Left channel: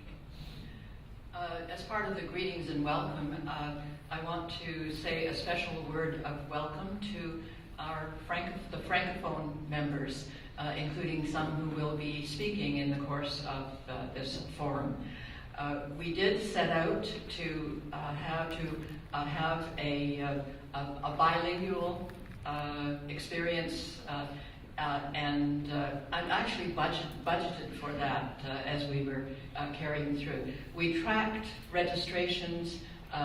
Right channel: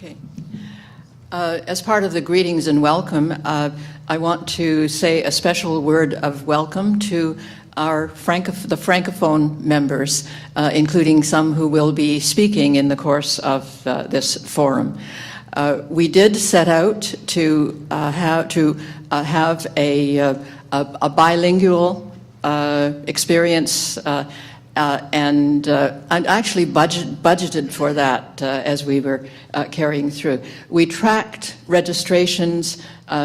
Okay. As part of the greetings and welcome, I want to say a special word of welcome to the Francophone members, including some who will be speaking in the course of this forum. We did set out to have a bilingual experience, and actually budgeted for that as we were carrying through. We tracked registrations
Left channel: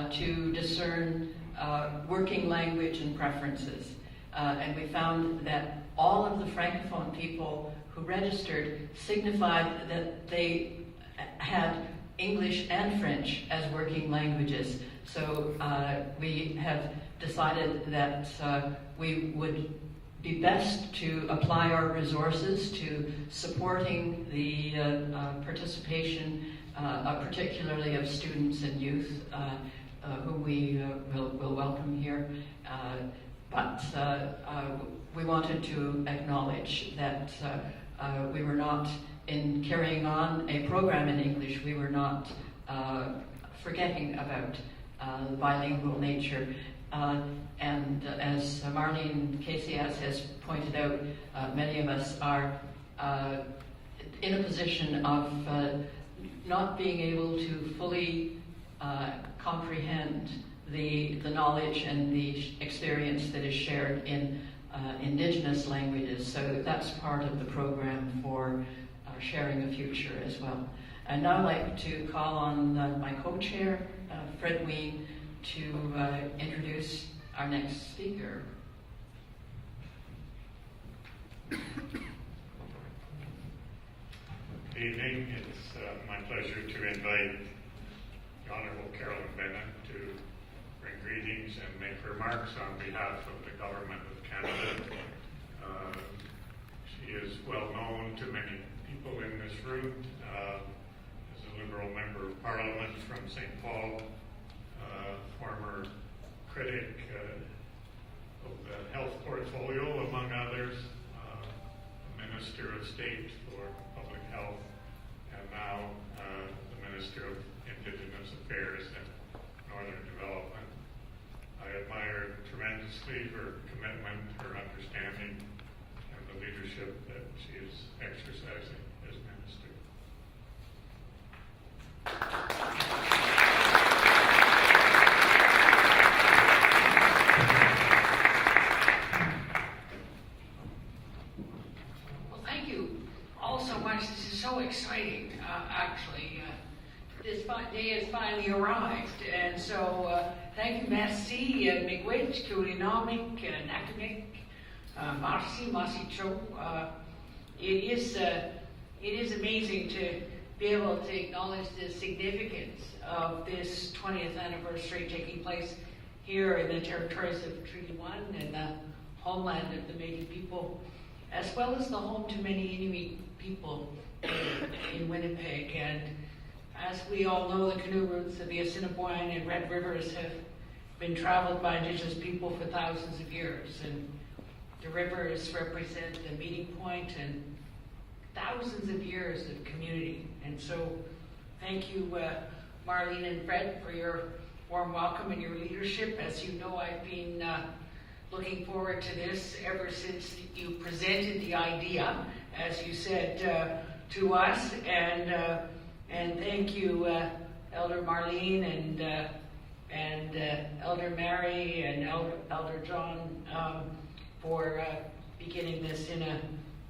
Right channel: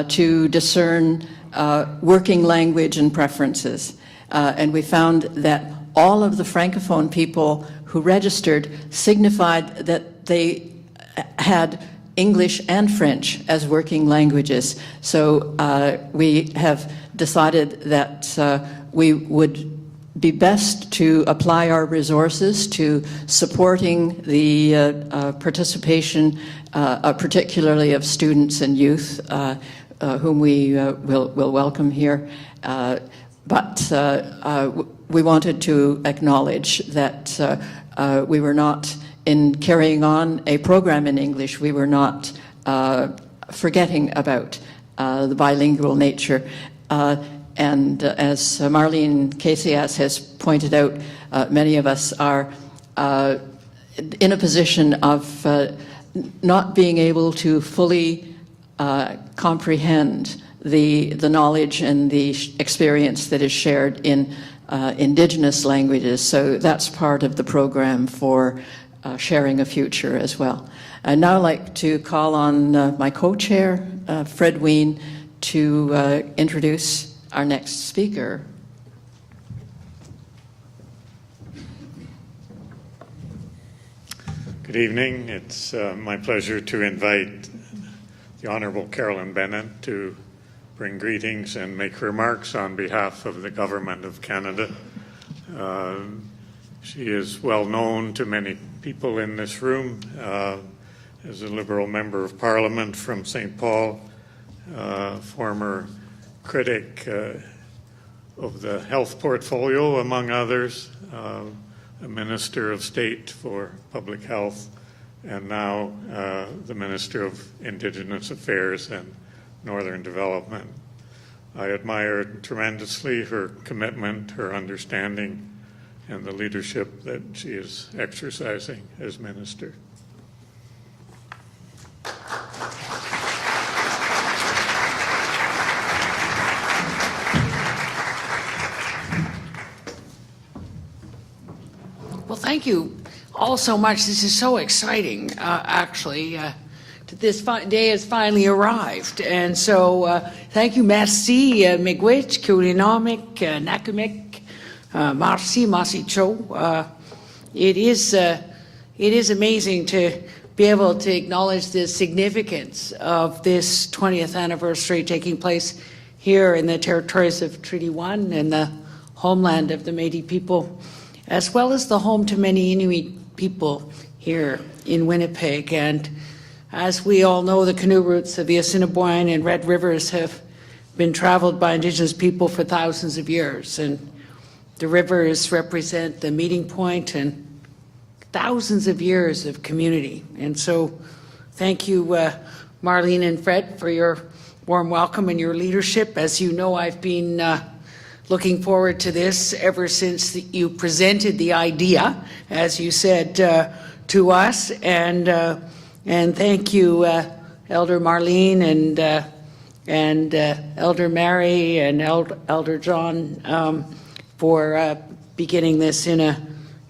to discern working language and preferences, and we found that all of the Francophone people who registered signified that they had English and French as working languages. So we have decided that we would be best to apply our resources to supporting the participation, particularly of students and youth, whom we will welcome here. But we wanted to acknowledge that we were not, in carrying on a program in English, we were not forgetting about the bilingual nature. And as Marlene Casias has pointed out, many of us are in a position of not being able to fully comprehend the knowledge and the experience that is shared in Indigenous languages. So that's part of the program for sharing a future as well. I'd now like to call on my co-chair, Fred Ween, to introduce our next speaker. Good evening. It's my pleasure to invite the Honourable Carolyn Bennett to bring greetings and make remarks on behalf of the Government of Canada. She is well known to many people in this room as a Liberal Member of Parliament from St. Paul, former critic of the health portfolio, among others, a Minister of State for Public Health, and now the Minister of Indigenous Affairs and Northern Development. I admire tremendously her commitment, her understanding, and the leadership that she is exercising as Minister. Well, thank you all so much. This is so exciting, actually. This day has finally arrived. And so thank you, merci, miigwech, kulinomik, nakamik, merci, masicho. It is amazing to be able to acknowledge the significance of this 20th anniversary taking place here in the territories of Treaty 1 and the homeland of the Métis people, as well as the home to many Inuit people here in Winnipeg. And as we all know, the canoe routes of the Assiniboine and Red Rivers have been traveled by Indigenous people for thousands of years. And the rivers represent the meeting point and thousands of years of community. And so thank you, Marlene and Fred, for your warm welcome and your leadership. As you know, I've been looking forward to this ever since you presented the idea, as you said, to us. And thank you, Elder Marlene and Elder Mary and Elder John for beginning this in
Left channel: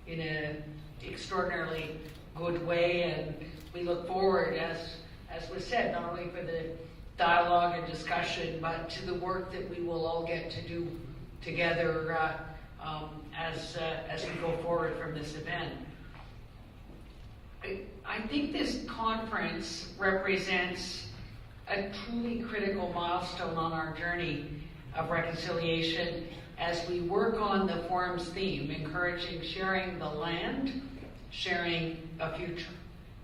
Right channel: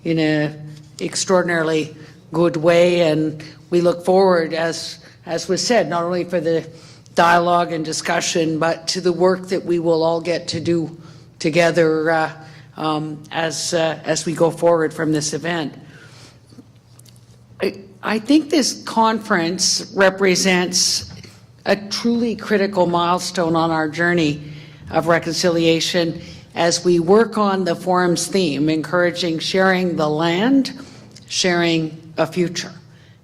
a extraordinarily good way. And we look forward, as was said, not only for the dialogue and discussion, but to the work that we will all get to do together as we go forward from this event. I think this conference represents a truly critical milestone on our journey of reconciliation as we work on the forum's theme, encouraging sharing the land, sharing a future.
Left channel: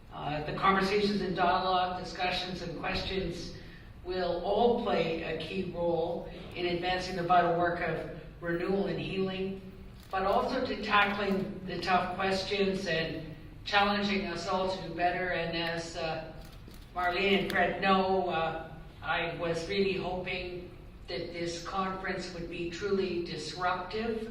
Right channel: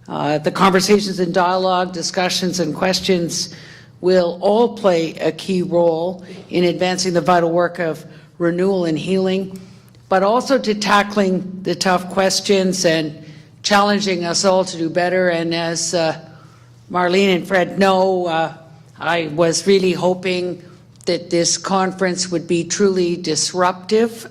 The conversations and dialogue, discussions and questions will all play a key role in advancing the vital work of renewal and healing, but also to tackling the tough questions and challenging us all to do better. And as Marlene and Fred know, I was really hoping that this conference would be truly disruptive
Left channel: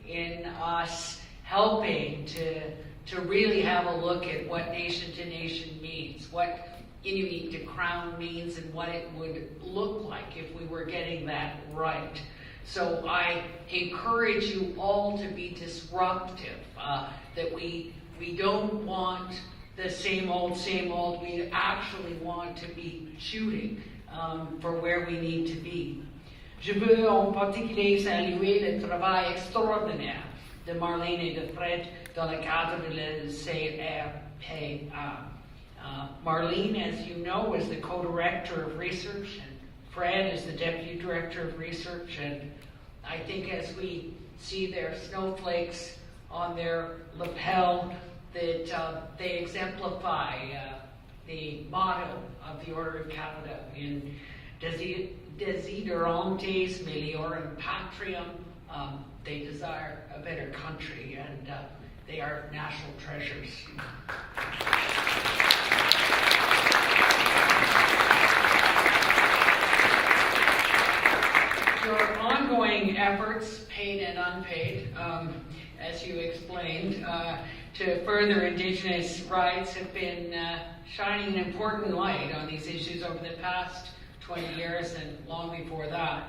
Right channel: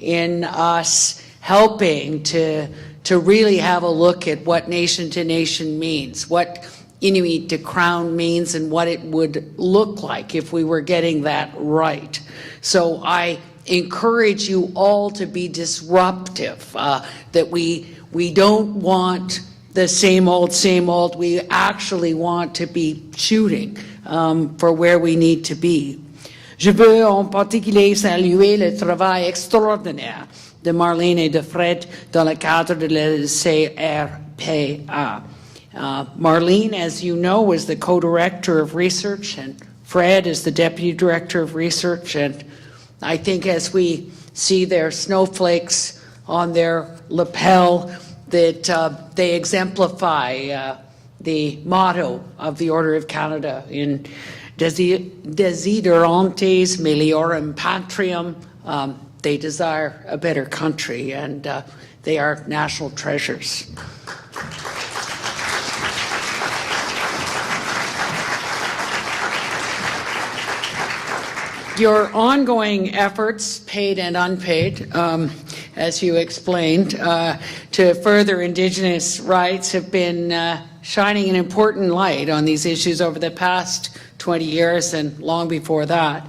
in us helping to really have a look at what nation to nation means, what Inuit to Crown means, and what it would look like if we were getting that right. So I encourage you all to be disruptive, that we don't want the same old. We actually want to be shooting for where we need to be. Je veux en particulier saluer le travail extraordinaire de Marlene et de Fred dans le cadre de la CRPA. Marlene, as you know, was the co-director of research, and Fred is the deputy director of research. And I think as we see their snowflakes on their lapel, that they exemplify the motto of the Order of Canada in Desiderantes Meliorum Patriam. They desire a better country, and they are national treasures. Your ongoing efforts, paid and unpaid, as you explained, to further Indigenous rights have been shining an important light on these issues over the past 20 years and long before that.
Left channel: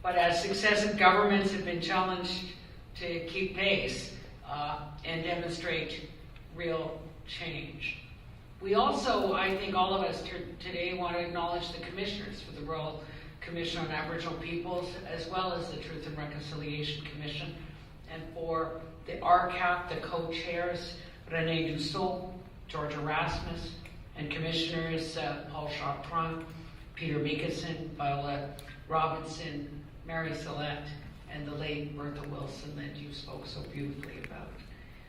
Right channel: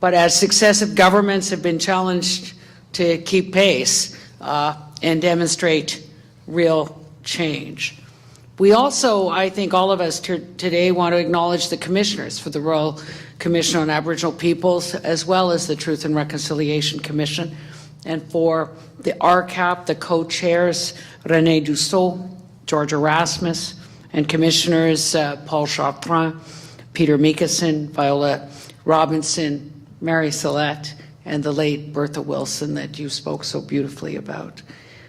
But as successive governments have been challenged to keep pace and demonstrate real change. We also, I think all of us today want to acknowledge the commissioners for the Royal Commission on Aboriginal Peoples, as well as the Truth and Reconciliation Commission, and for the Rcap, the co-chairs, René Dussault, George Erasmus, and Commissioners Paul Chartrand, Peter Mickelson, Viola Robinson, Mary Salette, and the late Bertha Wilson that you spoke so beautifully about.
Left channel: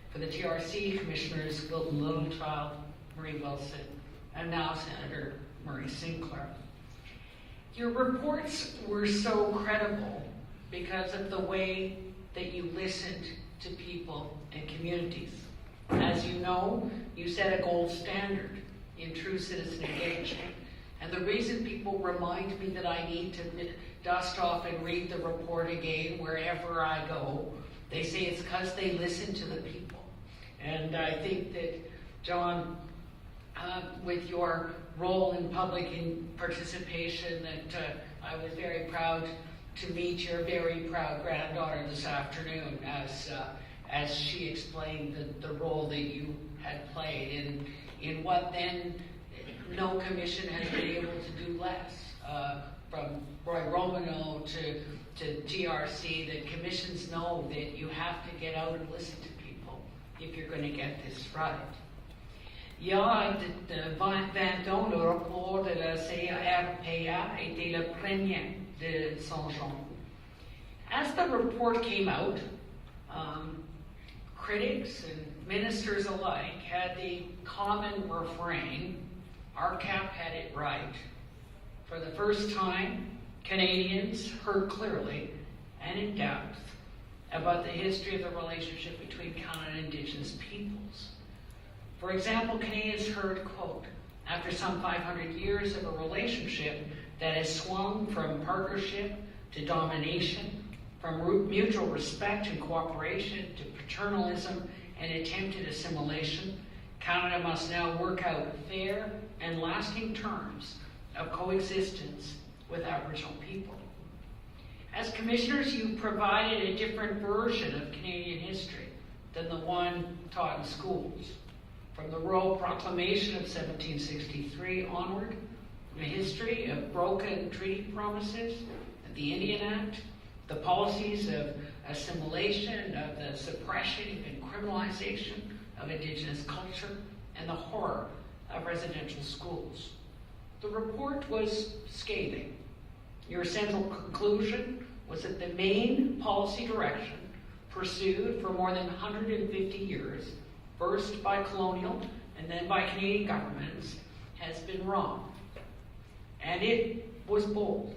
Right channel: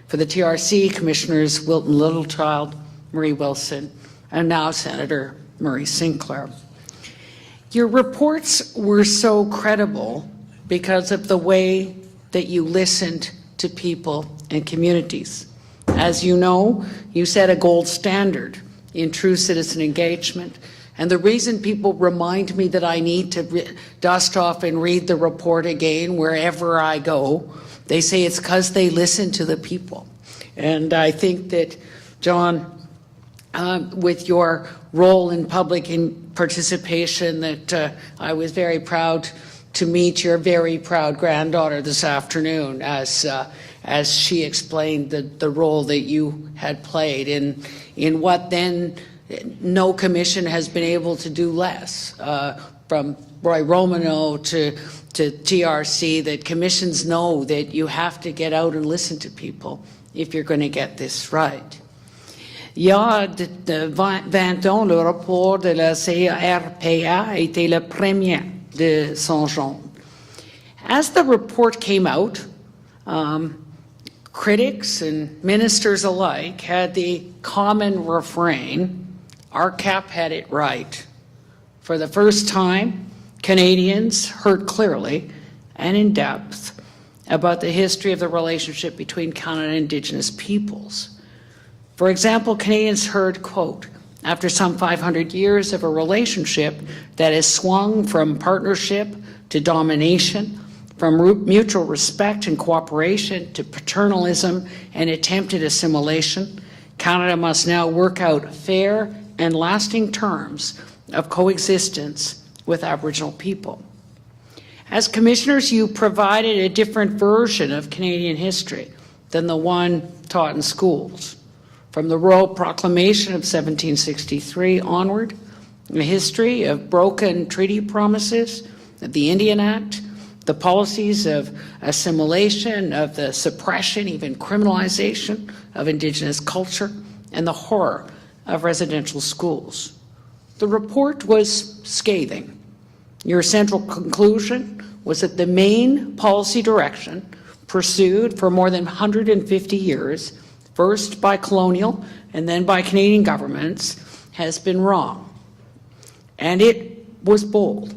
For the TRC, Commissioners Wilton Littlechild, Marie Wilson, and now Senator Murray Sinclair. Your reports were so credible because of the way that you listened to people and communities. As you know, you set a gold standard in true citizen engagement. And the reason people remind me that I need to dust off and read the report again wherever I go, they say it's because they listen to the people. And I think that, John, with your role in public participation, that I was very proud to meet your very proud granddaughter this afternoon as she explained the role that you had played in what then no commission has been able to do less, from Roy Romano to TRC, that commissions know that you have to get out and listen to people if you're going to get this right. Il y a 20 ans, le rapport de la CRPA était le premier de son genre. As the report came out, critics and ministers alike had the common refrain, Rcap had it right. For the first time, Canadians heard clearly and in depth about the history of the relationship between Canada and Indigenous peoples. For example, Canadians heard, quote, after some 500 years of a relationship that has swung from partnership to domination, from mutual respect and cooperation to paternalism and attempted assimilation, Canada must now work out fair and lasting terms of coexistence with Aboriginal people. As commissioners, you provided a different version of Canadian history than the one taught in schools. From the Royal Proclamation of 1763 onward, a history of broken treaty promises, of the Indian Act, the policies of assimilation, of the suppression, even criminalization of Indigenous culture, and the horror of residential schools. The report was scathing. Your central conclusion was that the main policy direction pursued for more than 150 years, first by colonial and then by Canadian governments, has been wrong. And it was bold.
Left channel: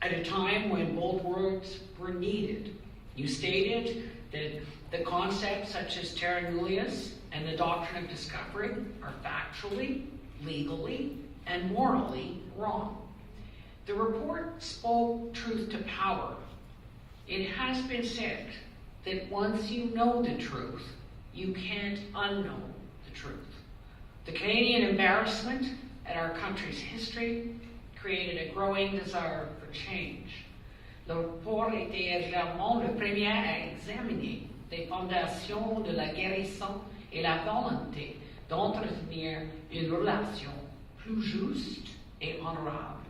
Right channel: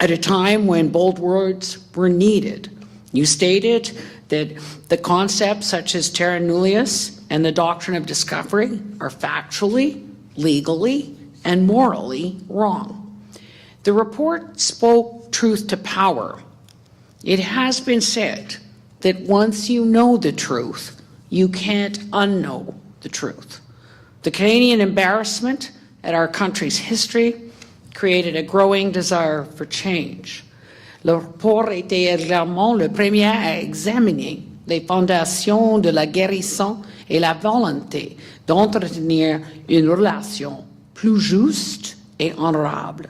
At a time when bold words were needed, you stated that the concepts such as terra nullius and the doctrine of discovery are factually legally and morally wrong. The report spoke truth to power. It has been said that once you know the truth, you can't unknow the truth. The Canadian embarrassment at our country's history created a growing desire for change. Le rapport était également le premier à examiner les fondations de la guérison et la volonté d'entretenir une relation plus juste et honorable.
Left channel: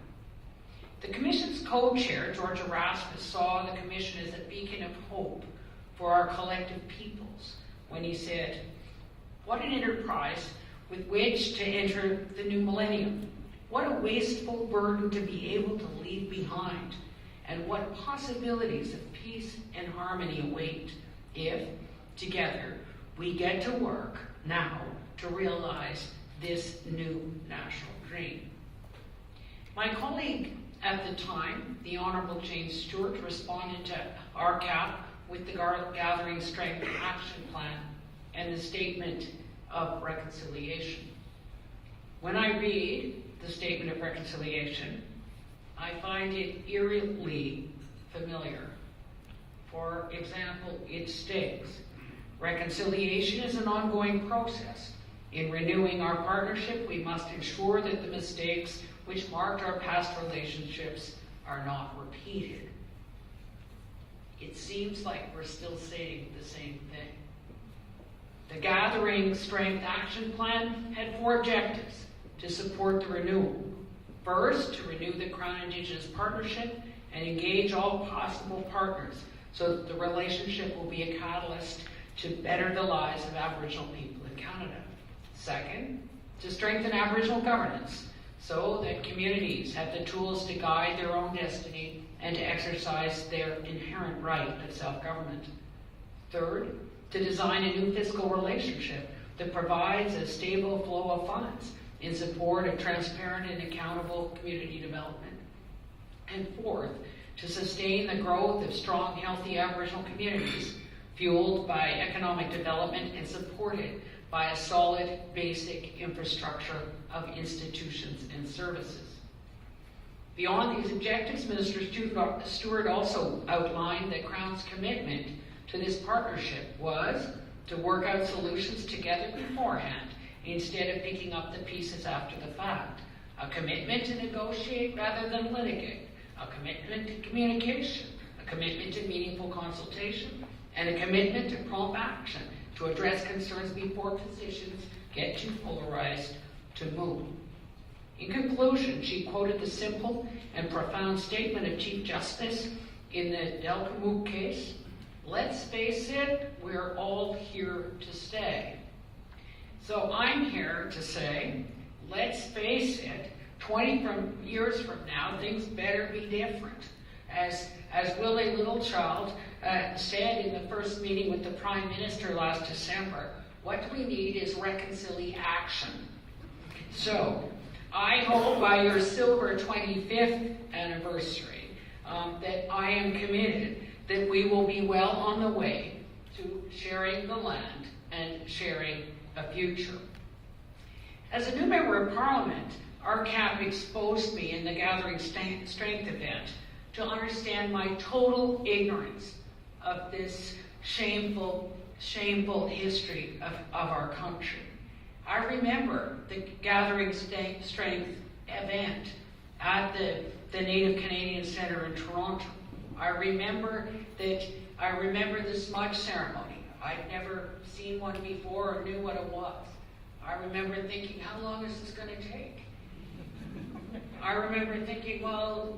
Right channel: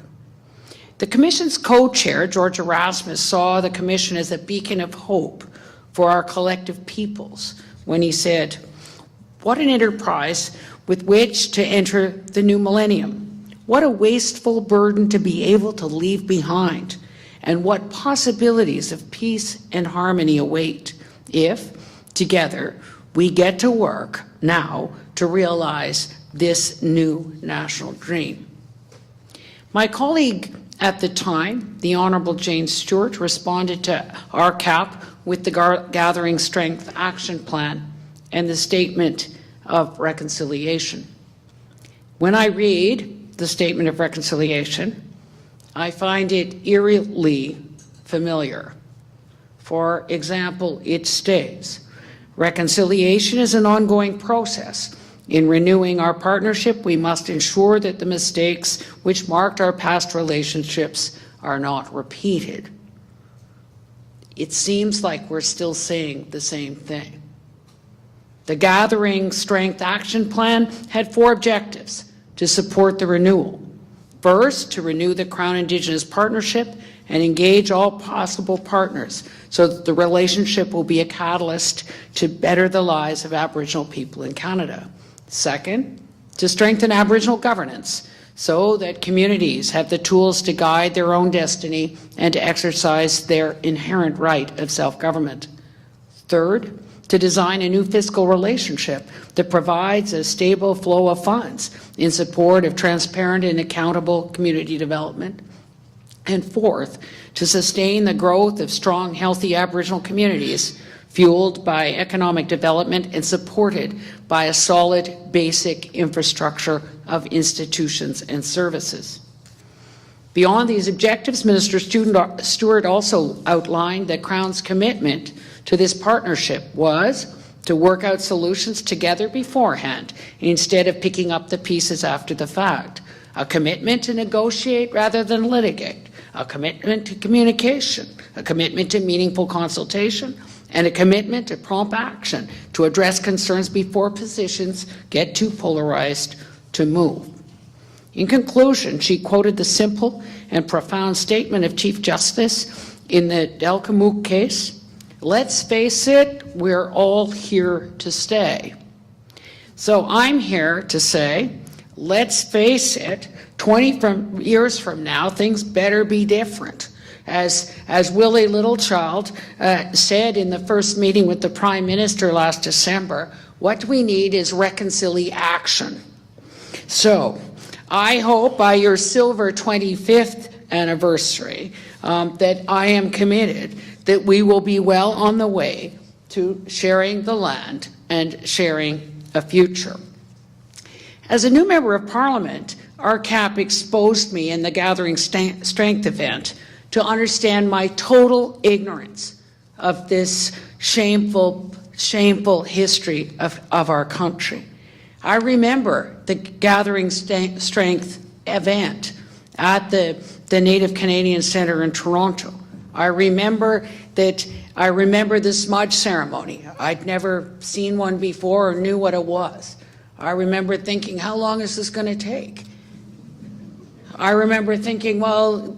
The Commission's co-chair, George Erasmus, saw the Commission as a beacon of hope for our collective peoples when he said, "What an enterprise with which to enter the new millennium. What a wasteful burden to be able to leave behind, and what possibilities of peace and harmony await if, together, we get to work now to realize this new national dream." My colleague at the time, the Honourable Jane Stewart, responded to Rcap with the Gathering Strength Action Plan and the Statement of Reconciliation. When I read the Statement of Reconciliation, I find it eerily familiar. For example, it states, "Reconciliation is an ongoing process. In renewing our partnership, we must ensure that the mistakes which marked our past relationships are not repeated." It seems like we're still saying the same thing. The Gathering Strength Action Plan had 4 objectives to support the renewal. First, to renew the Crown Indigenous partnership and engage all possible partners so that the relationship will be a catalyst to better the lives of Aboriginal people in Canada. Second, to strengthen Aboriginal governance so that communities have the tools to guide their own destiny and to exercise their inherent right of self-government. Third, to design a new fiscal relationship that provides a stable flow of funds in support of transparent and accountable community development. And fourth, to sustain the growth of strong, healthy Aboriginal communities fueled by economic development and supported by a solid basic infrastructure of institutions and services. Beyond these objectives, Minister Stewart also outlined that Crown's commitment to this partnership was to work out solutions together beforehand instead of picking up the pieces after the fact, a commitment to negotiate rather than litigate, a commitment to communication, a commitment to meaningful consultation, and a commitment to prompt action to address concerns before positions get too polarized to move. In conclusion, she quoted the simple and profound statement of Chief Justice in the Delcamook case, "Let's face it, we're all here to stay." So I'm here to say, let's face it, 20 years from now, things better be different. As Willie Littlechild said in the first meeting with the Prime Minister last December, what we need is reconciliation. So I hope by your silver 25th anniversary that I am committed that we will be well on the way to sharing the land and sharing a future. As a new member of Parliament, Rcap exposed me in the Gathering Strength event to understand my total ignorance of this shameful history of our country. I remember the Gathering Strength event at the Native Canadian Centre in Toronto. I remember the smudge ceremony. I'd never seen one before or knew what it was. I remember thinking, how long is this going to take? I remember thinking, well,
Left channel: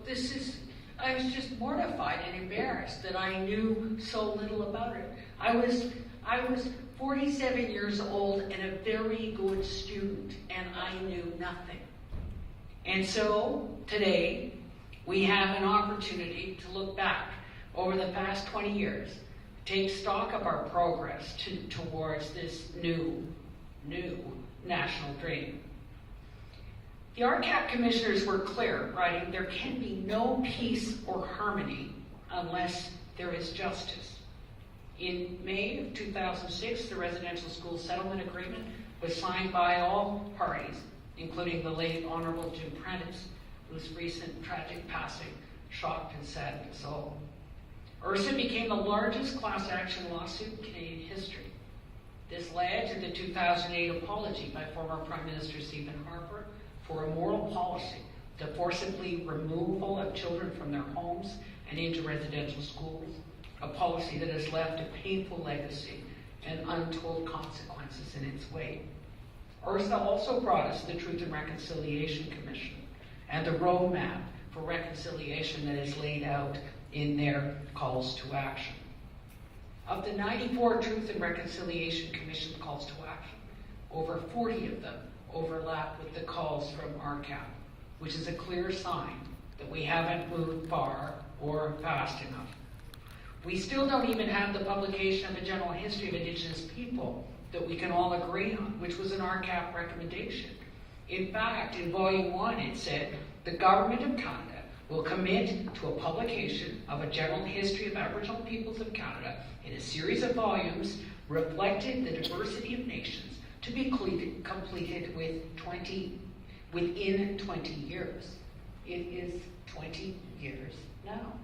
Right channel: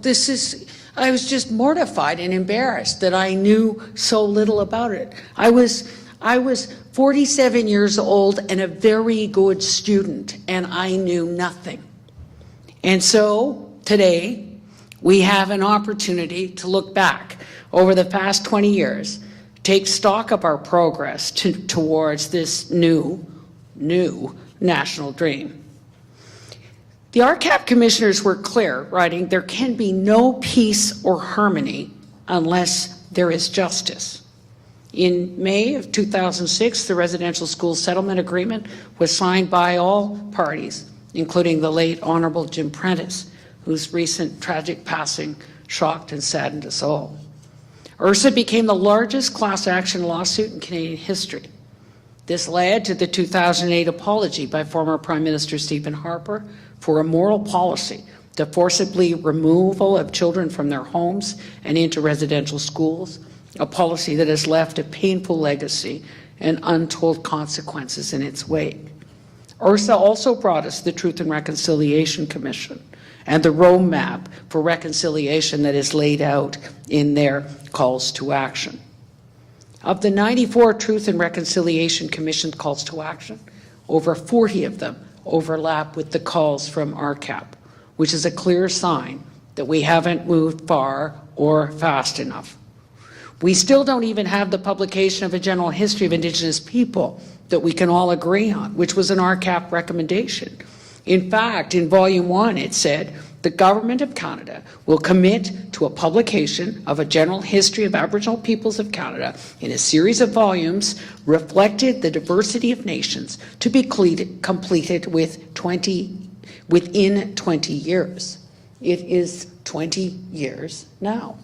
I was just mortified and embarrassed that I knew so little about it. I was 47 years old and a very good student, and I knew nothing. And so today, we have an opportunity to look back over the past 20 years, take stock of our progress towards this new national dream. The Rcap commissioners were clear, writing, "There can be no peace or harmony unless there is justice." In May of 2006, the Residential School Settlement Agreement was signed by all parties including the late Honourable Jim Prentice, whose recent tragic passing shocked and saddened us all. URSA became the largest class action lawsuit in Canadian history. This led to the 2008 apology by former Prime Minister Stephen Harper for a moral policy, the forcibly removal of children from their homes and into residential schools, a policy that has left a painful legacy and untold consequences in its wake. URSA also brought us the Truth and Reconciliation Commission and the roadmap for reconciliation that is laid out in their calls to action. Of the 94 Truth and Reconciliation Commission calls to action, over 40 of them overlap with the calls from Rcap, which is a clear sign that we haven't moved far or fast enough. We still don't even have the publication of a general history of Indigenous people that we can all agree on, which was an Rcap recommendation. In fact, in Volume 1, it said, the Government of Canada will commit to a publication of a general history of Aboriginal peoples of Canada in a series of volumes reflecting the diversity of nations to be completed within 20 years. It is 20 years now.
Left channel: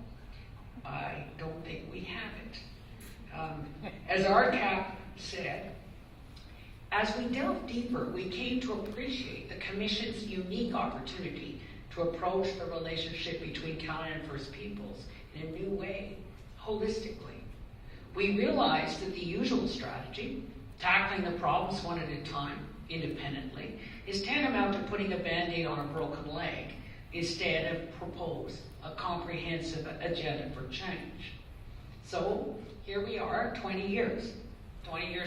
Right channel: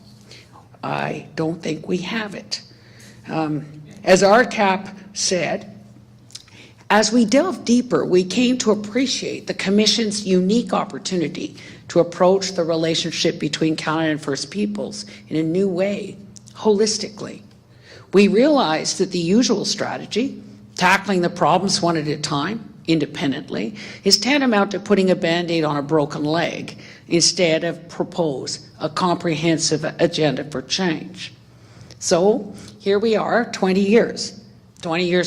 I don't think we have it. As Rcap said, as we delved deeper, we came to appreciate the Commission's unique opportunity to approach the relationship between Canada and First Peoples in a new way, holistically. We realized that the usual strategy, tackling the problems one at a time, independently, is tantamount to putting a Band-Aid on a broken leg instead of propose a comprehensive agenda for change. So here we are, 20 years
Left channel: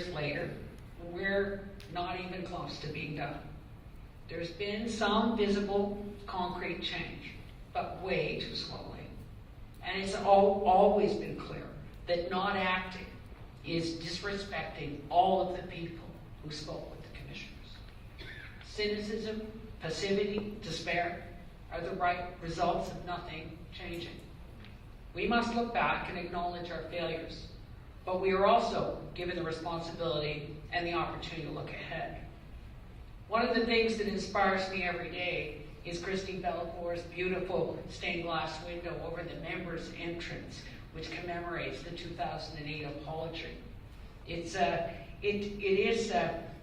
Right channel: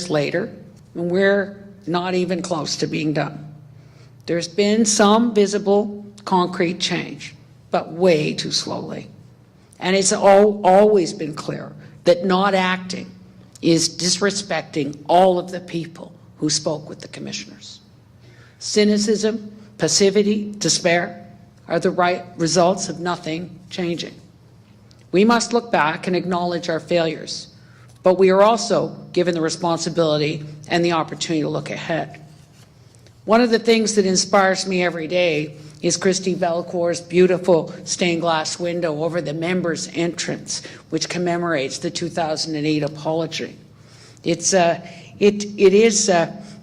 later, and we're not even close to being done. There's been some visible, concrete change, but way too slowly. And it's always been clear that not acting is disrespecting all of the people who spoke with the commissioners. Cynicism, passivity, despair are the right results of nothing changing. We must look back and acknowledge our failures, but we are also given the responsibility and the opportunity to look ahead. One of the things that inspires me every day is Christy Belcour's beautiful stained glass window over the members' entrance, which commemorates the 2008 apology. It is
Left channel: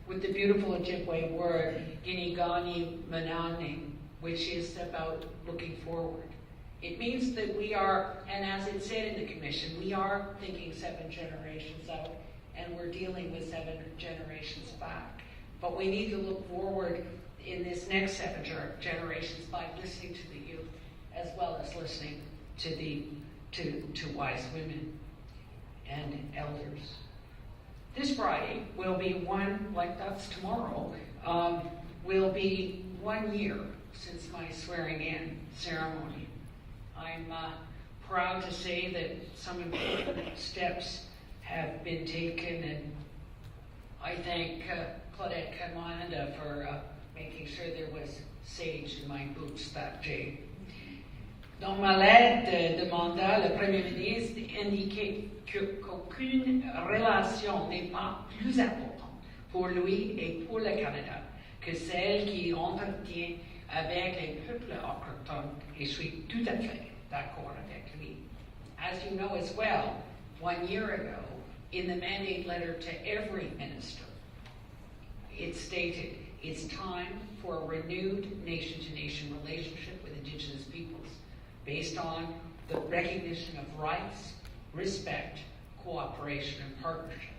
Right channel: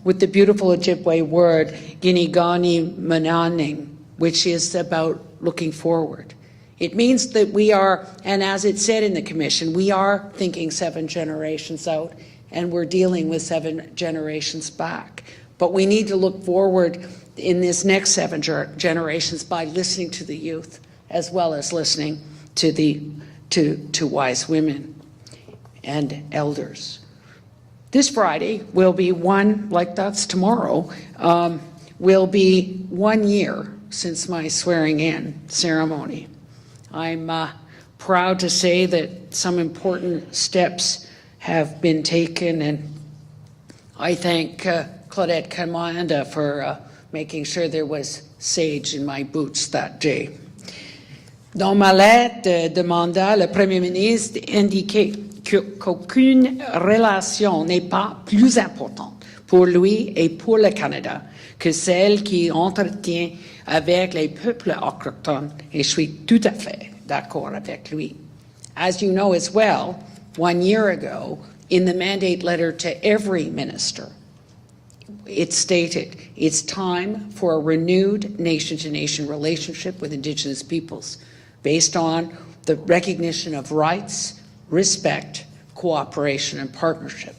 with the beautiful Ojibwe word, Ginigani Mananing, which is about looking forward. It means that we are, and as it said in the Commission, we are thinking 7 generations out, and we're dealing with 7 generations back. But we need to look forward in this next 7 generations by listening to the youth, as well as listening to wise women and elders. This Friday will be that's tomorrow, will be 1 year since my swearing-in ceremony. I'm proud to say that some important steps have been taken, and I thank Claudette Commanda for making sure there was sage in my boots that day. Dans ma lettre de mandat, le Premier ministre indiquait qu'aucune relation n'est pas plus importante pour lui et pour le Canada que celle qu'il entretient avec les peuples autochtones, et je suis tout à fait d'accord avec lui. As you know as well, 1 year ago, in the mandate letter to every minister, it stated it's time for a renewed nation-to-nation relationship with Indigenous peoples based on the recognition of rights, respect, cooperation, and partnership.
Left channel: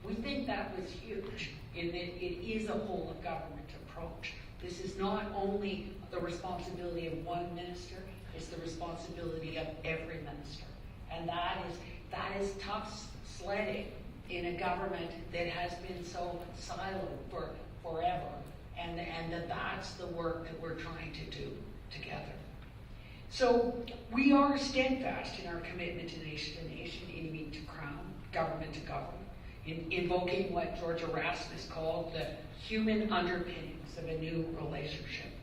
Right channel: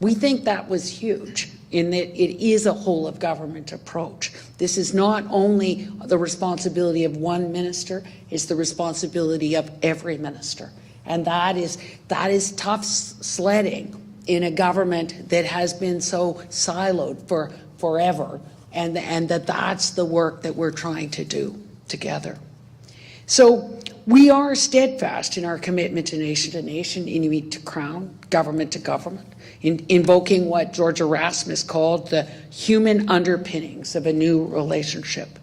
We think that was huge in that it is a whole-of-government approach. This is not only the responsibility of one minister, it's the responsibility of every minister. And that is tough sledding in a government that has been so siloed for forever, and that's the work that we're trying to do together. So we are steadfast in our commitment to nation, Inuit to Crown, government to government, invoking what George Erasmus called the human underpinnings of a new relationship.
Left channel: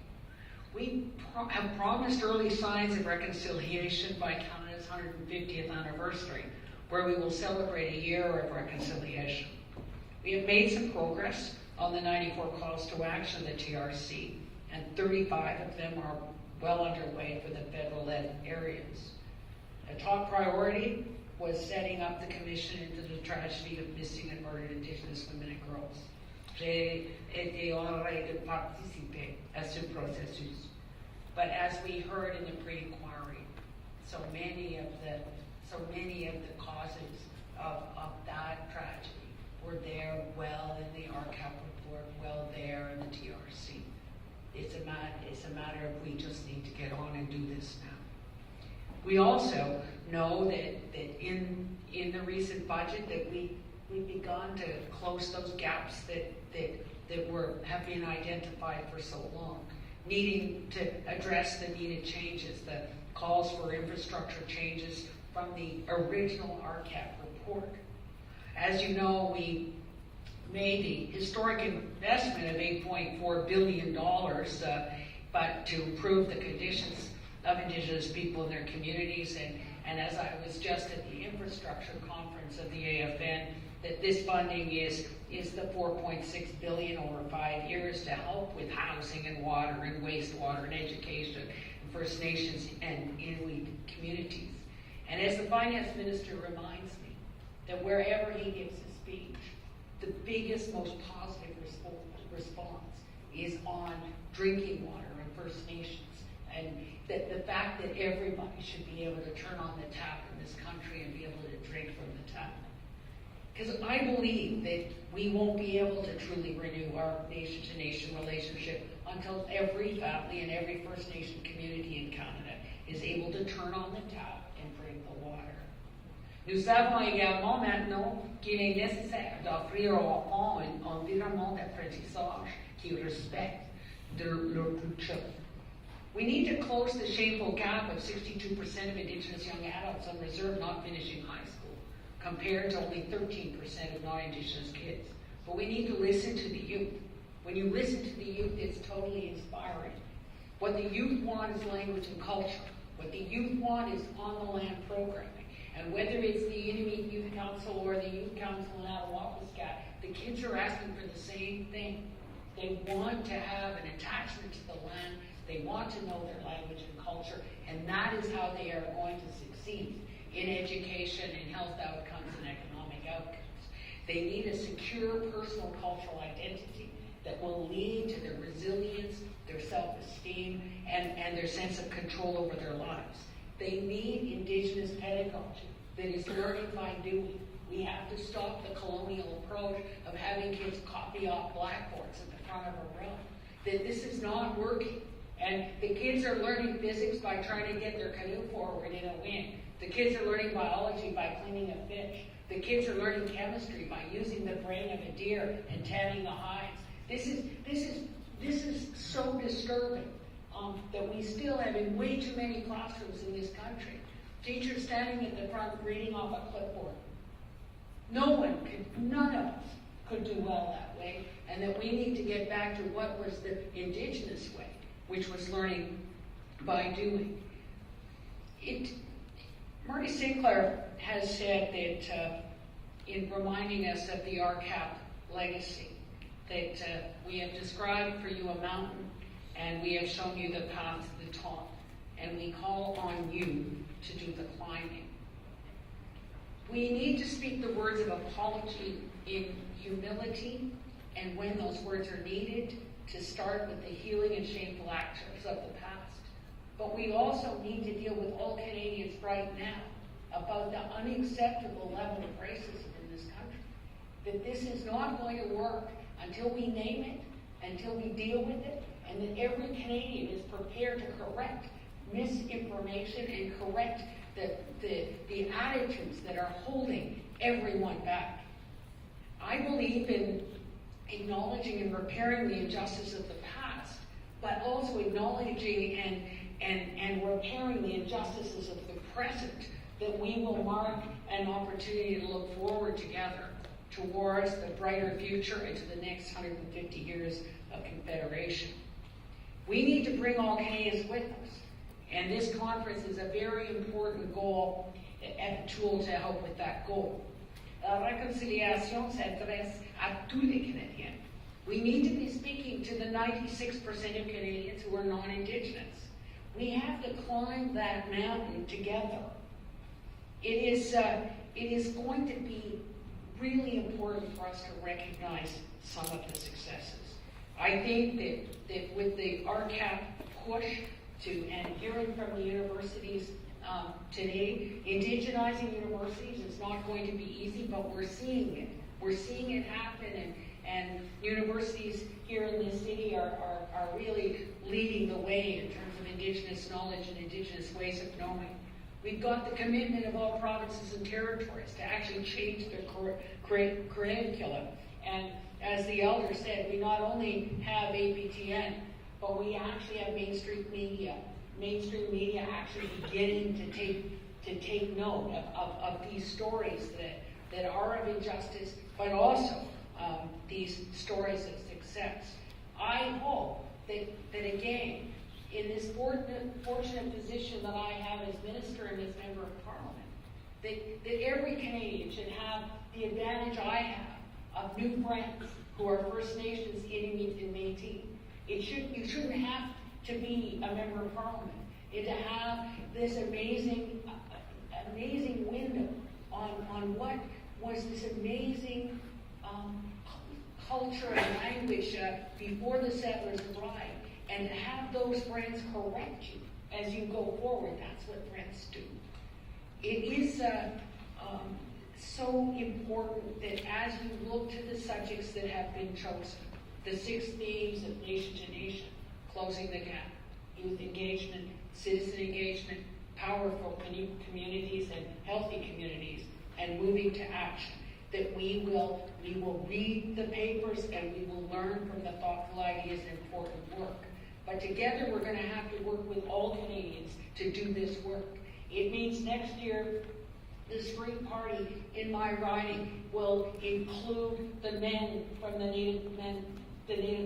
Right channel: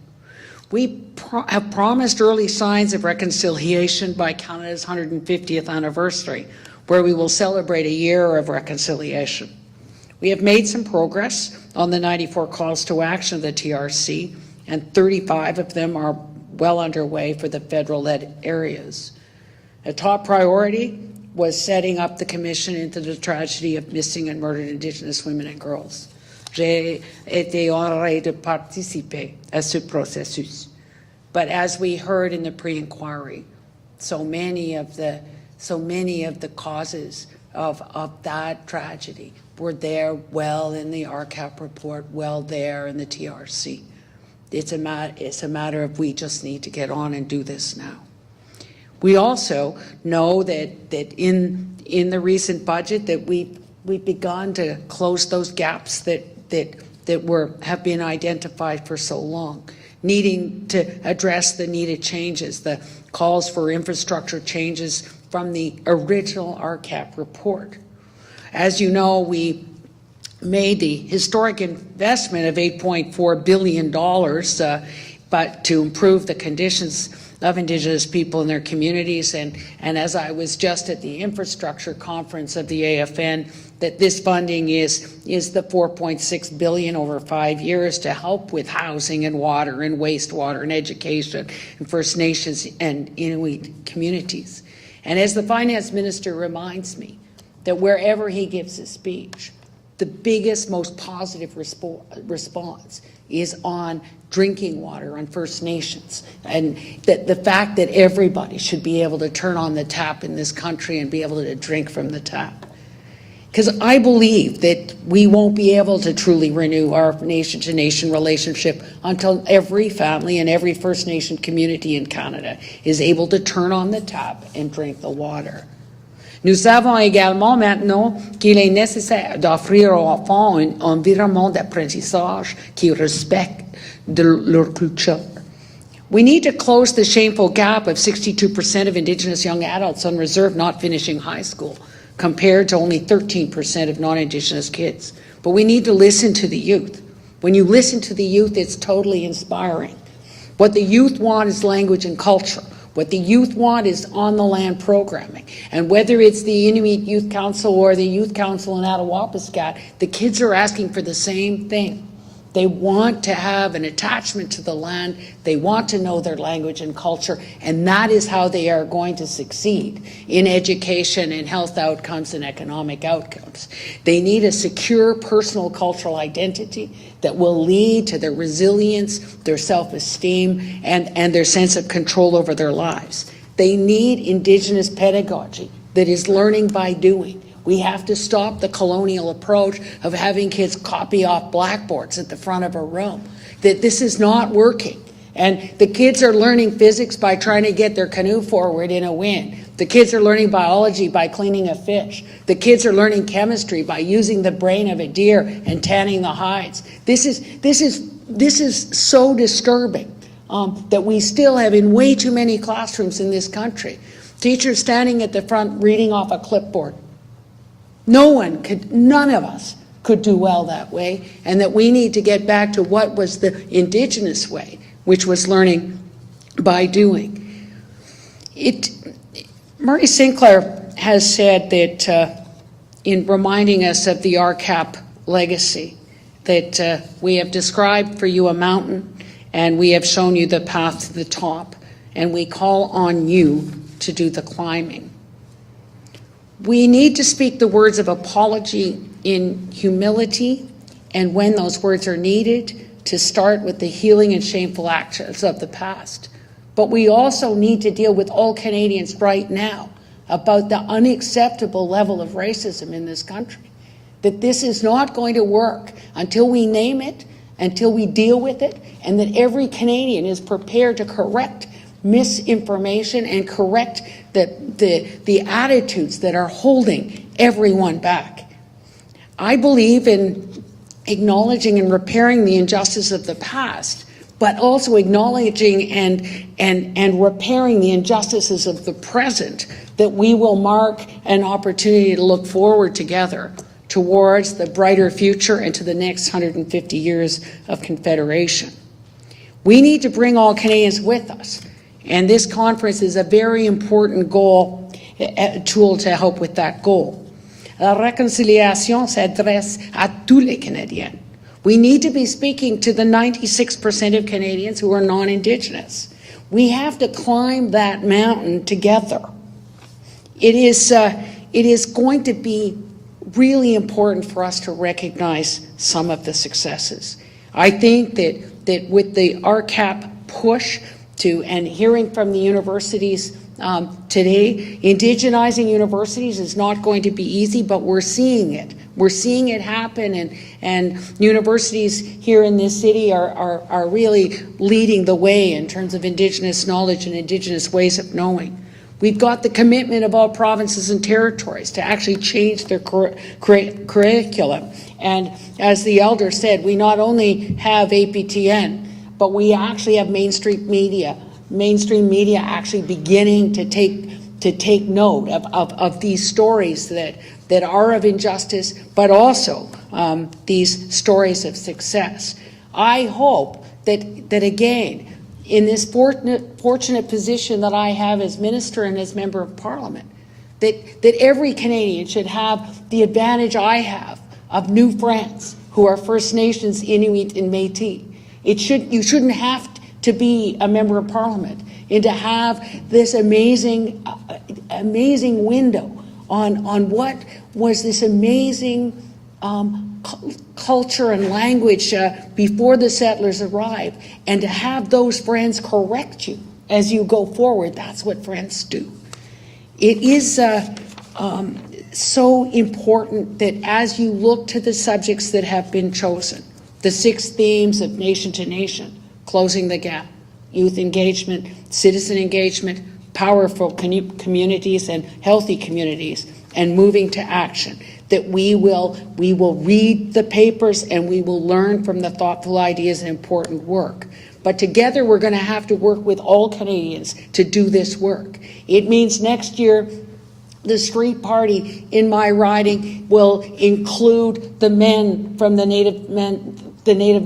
We have promised early signs of reconciliation by Canada's 150th anniversary, where we will celebrate a year of reconciliation. We have made some progress on the 94 calls to action of the TRC, and 35 of them are well underway for the federal-led areas. A top priority was setting up the commission into the tragedy of missing and murdered Indigenous women and girls. J'ai été honorée de participer à ce processus. But as we heard in the pre-inquiry, so many of the causes of that tragedy were there well in the Rcap report, well there in the TRC. It's a matter of we just need to get on and do this now. We also know that in the recent budget that we've begun to close those gaps that have been identified for so long, needing to address the needed changes, the calls for infrastructure changes from the original Rcap report. As you know, we made the historic investment of $8.4 billion but to improve the conditions of Indigenous people in their communities. And as I was just at the infrastructure conference of the AFN, that this funding is the $4.6 billion over 5 years to help with housing and water and wastewater and education and First Nations and Inuit communities. And as the finance minister reminds me, that wherever he gives a speech, the biggest, most positive response is on drinking water, on First Nations, and that the fact that everybody should be able to turn on the tap in this country and be able to drink from the tap. Because I believe that we won't be able to truly renew our nation-to-nation relationship until every family and every First Nation community in Canada is able to turn on the tap and drink the water. Nous savons également maintenant qu'il est nécessaire d'offrir aux enfants un environnement d'apprentissage qui respecte de leur culture. We need to close the shameful gap of 62% of Indigenous young adults on reserve not finishing high school, compared to only 13% of non-Indigenous kids. But we need to listen to the youth. When you listen to the youth, it's totally inspiring. What the youth want is language and culture. What the youth want is on-the-land programming. And whether it's the Inuit Youth Council or the Youth Council in Attawapiskat, the kids are asking for the same thing. They want to have an attachment to the land. They want to know their language and culture. And that is how they are going to succeed in education and health outcomes and economic outcomes. They need a secure personal cultural identity that will lead to their resilience, their self-esteem, and their sense of control over their lives. They need Indigenous pedagogy that is learning by doing. We have to stop the colonial approach of having kids copy off blackboards at the front of a room. That this is not working. And the kids are learning physics by trying to get their canoe forward in a wind. The kids are learning biology by cleaning a fish. The kids are learning chemistry by using the brain of a deer and tanning the hides. This is so disturbing that we still have in way too many classrooms in this country. Teachers standing at the front reading off a clipboard. None of us could do well that way, and that we need to get back to what was the Indigenous way, which was learning by doing. Murray Sinclair has said that in reminding us of the Rcap legacy, that we have described for you a mountain and we have shown you the path to the top, and we call on you to do the climbing. We need to speak the words of apology in humility, and when those words are needed, to start with the healing and shameful actions of the past. But we also need to deal with all Canadians right now about the unacceptable level of racism in this country. That this is not going to work until we name it, until we deal with it, and that every Canadian is prepared to correct misinformation and correct the attitudes that are holding everyone back. I believe in acknowledging and repairing the injustice of the past, but also acknowledging and repairing the injustices of the present, that we will mark an opportunity to look forward together towards the brighter future and to the next 150 years of Confederation. We need to bring all Canadians with us. And this conference is a very important tool to help with that goal. La réconciliation s'adresse à tous les Canadiens. We need to be speaking to the 96% of Canadians who are non-Indigenous. We have to climb that mountain together. It is going to be really important for us to recognize some of the successes. I think that with the Rcap push to, and hearing from the universities today, indigenizing universities is not going to be easy, but we're seeing it. We're seeing it happen, and universities here in this city are really leading the way in terms of Indigenous knowledge and Indigenous ways of knowing. We've got the commitment of all provinces and territories to actually change their curriculum. And as the elder said, we not only have APTN, but we actually have mainstream media actually beginning to take note of these stories that are of injustice, but also these stories of success. I hope that again, in this fortunate position that I have as minister and as member of parliament, that every Canadian should have the advantage I have of new friends who are First Nations, Inuit, and Métis. You shouldn't have to be a member of parliament and to have this amazing window on what was this amazing culture and language before the settlers arrived, and to have those friends correct you as you go forward. That's what friends do. It is so important that as you look to the subjects that have been chosen, the 6 themes of nation to nation, closing the gap, youth engagement, citizen engagement, powerful communities and healthy communities, and moving to action, that we will read the papers and we will learn from the thoughtful ideas and important work. But together we're going to have to work with all Canadians to do this work. It means next year the street party in my riding will include the men from the Native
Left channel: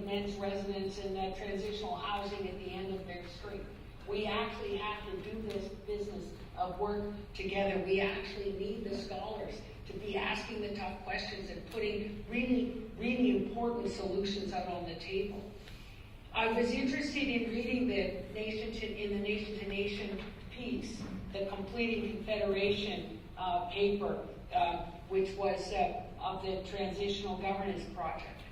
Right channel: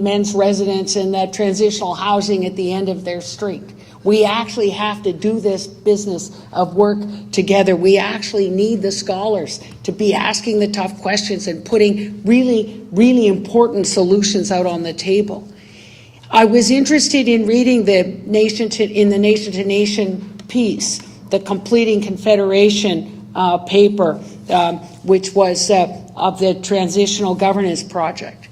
men's residence and the transitional housing at the end of their street. We actually have to do this business of work together. We actually need the scholars to be asking the tough questions and putting really, really important solutions out on the table. I was interested in reading the Nation to Nation piece, the Completing Confederation paper, which was of the Transitional Governance Project.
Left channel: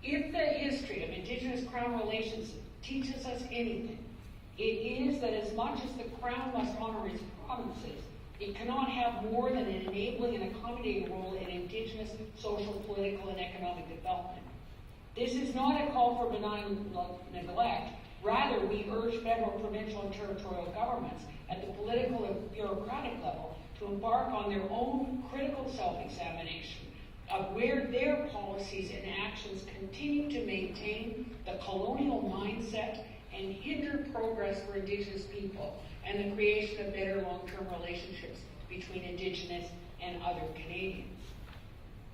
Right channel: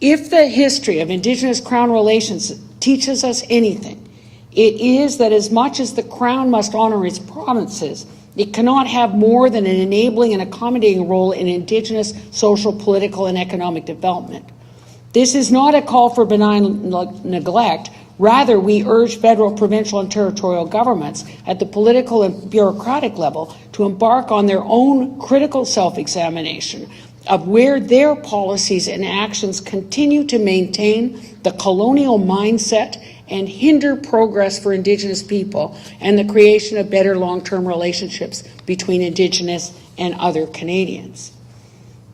If the history of Indigenous Crown relations teaches us anything, it is that as much as the Crown must honour its provinces, it cannot have more than an enabling and accommodating role in Indigenous social, political and economic development. This is not a call for benign neglect. Rather, we urge federal, provincial and territorial governments at the political and bureaucratic level to embark on their own critical self-examination of where their policies and actions continue to maintain the colonial mindset and hinder progress for Indigenous people and the creation of better long-term relationships between Indigenous and other Canadians.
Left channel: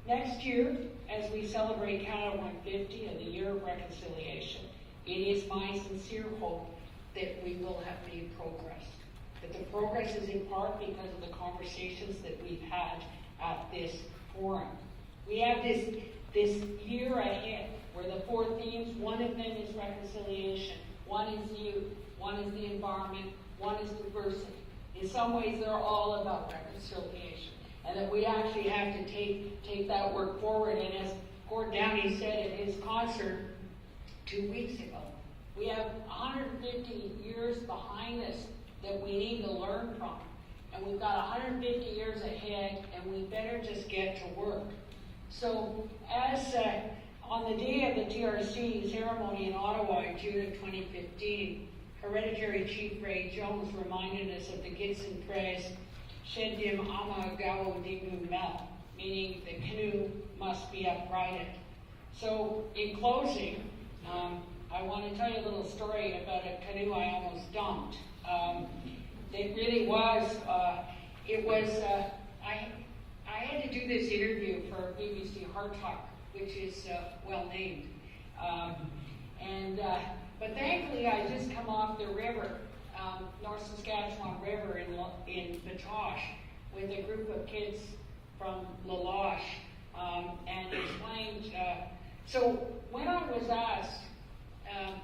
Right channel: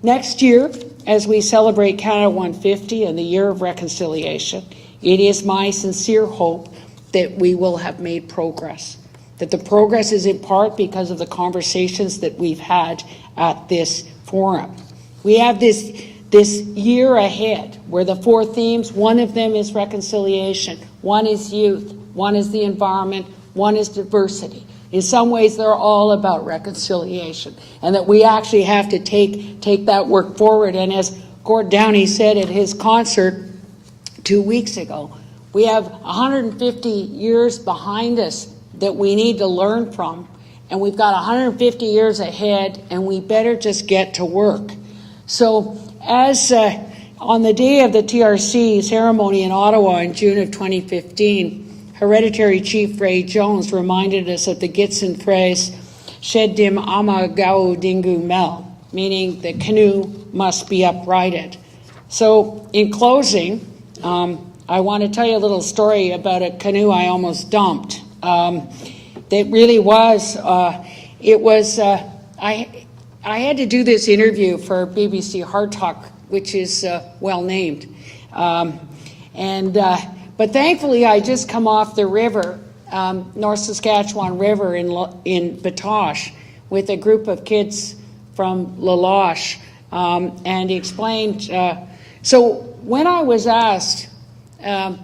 Next year, as we celebrate Canada 150 and the Year of Reconciliation, it is my sincere hope that we will have made progress, that the progress is in part because of the conversations that we've had at this forum. We have this year ahead where the 4 themes, one of them is reconciliation, one is youth, one is the environment, one is diversity. In some ways, they're all about reconciliation, and that we actually have to take that work forward. And as Gord Downey said at his concert 2 weeks ago, we have 150 years behind us that we need to learn from, and we've got 150 years ahead, and we better just get to work. So as on the day of the TRC ceremony in Ottawa in June of 2015, Hereditary Chief Ray Jones reminded us of the Gitsin phrase, Shedim ama gau dingu mel, meaning the canoe must be uprighted. So in closing, I want to tell you a little story about a canoe I almost dumped. That really was, I had to do this interview for BBC Hard Talk, which is well named. But thankfully, I just come off the river, North Saskatchewan River in Batoche, with a group of kids from La Loche, and he explained. So when I was asked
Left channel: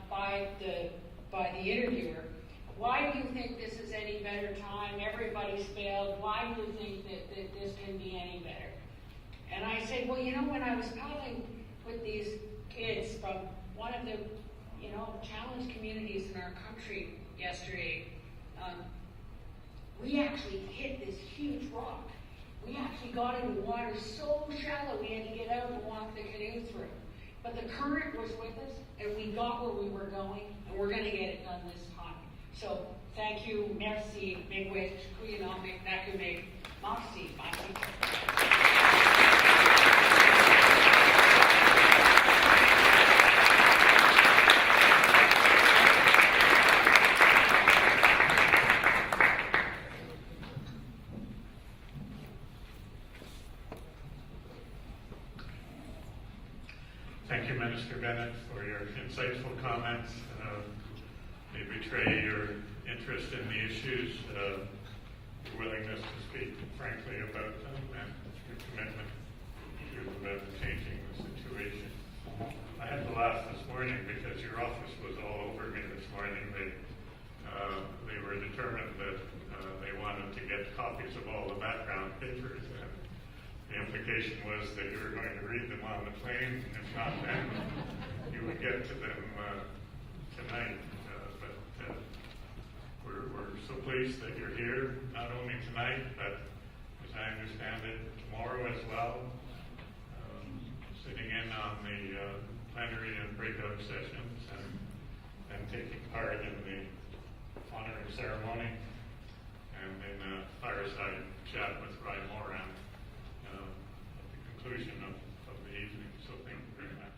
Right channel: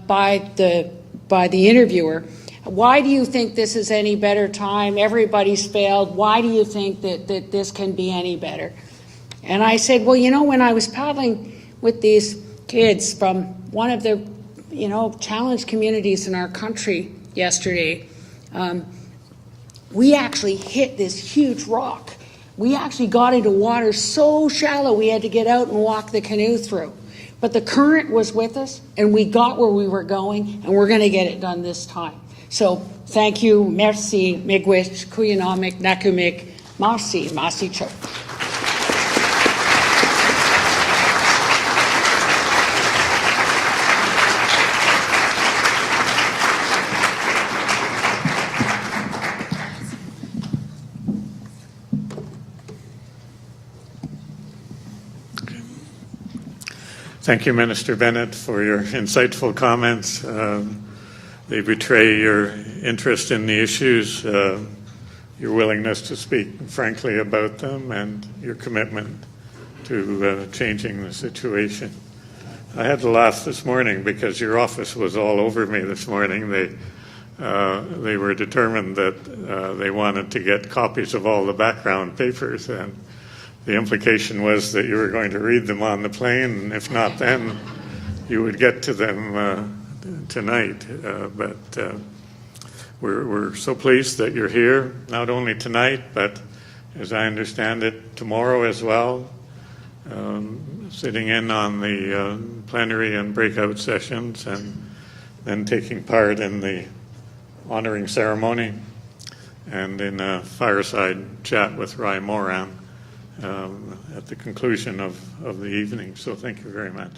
by the interviewer, why do you think this is any better time? Everybody's failed. Why do you think that this can be any better? And I said, well, you know, when I was paddling with these kids from one of the, challenged communities in our country yesterday, we actually hit this huge rock. We actually got into water so shallow we had to get out and walk the canoe through. But the current was with us, and we got where we were going, and we're going to get it done this time. So thank you, merci, miigwech, kuyanomik, nakumik, masi, masi cho. Thank you, Minister Bennett, for your insightful comments. They betray your interest in the issues, your willingness to speak frankly about them, and your commitment to changing the situation. I had to laugh this morning because your office was all over me this morning. They were determined that they wanted to get copies of all the background papers, and the implication was that you were going to read them on the plane, and if not then, you would get to them tonight. But we're so pleased that you're here, not only tonight, but as I understand it, tomorrow as well, sitting in on the plenary and breakout sessions, and then taking part in the honoring ceremony and in a fireside chat with Rai Moran at the conclusion of the evening. So thank you very much.